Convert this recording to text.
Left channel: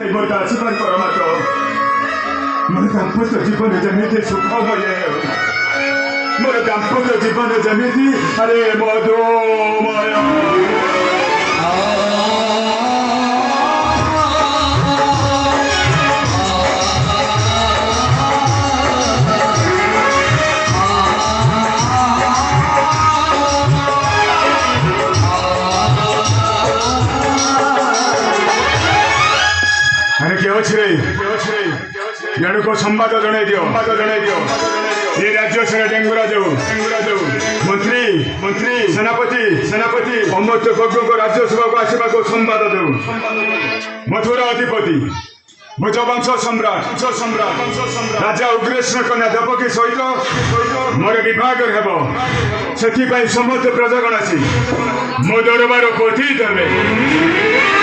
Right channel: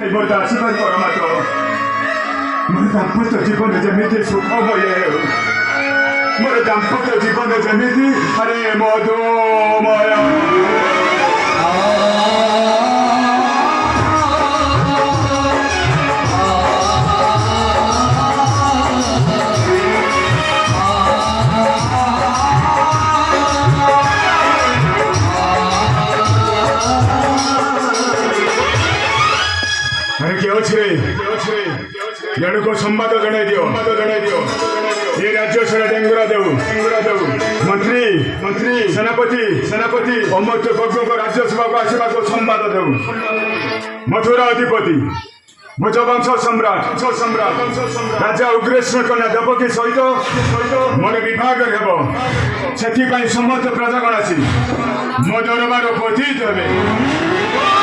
ମୋର ଆଶୀର୍ବାଦ କର ମାତ୍ର ମୋର ଦାମ୍ପତ୍ୟ ଜୀବନ ଯେମିତି ସୁଖମୟ ହେଉ ମୋର ଦାମ୍ପତ୍ୟ ଜୀବନ ଯେମିତି ଆରେ ମଧୁମୟ अरे के जड़को संवाद जन दियो ये राज्य सारा डेंगुरा देव मंत्री मंत्री सेनापति अमृत गोग को राज्यसभा को आसवा को संवाद देव मथुरा अधिपति भोजवंश सम्राट राजा उग्रेश्वर कन्या देवकी सहित मोर विभाग से समस्त प्रजागण आसी मो दरबार पठित हे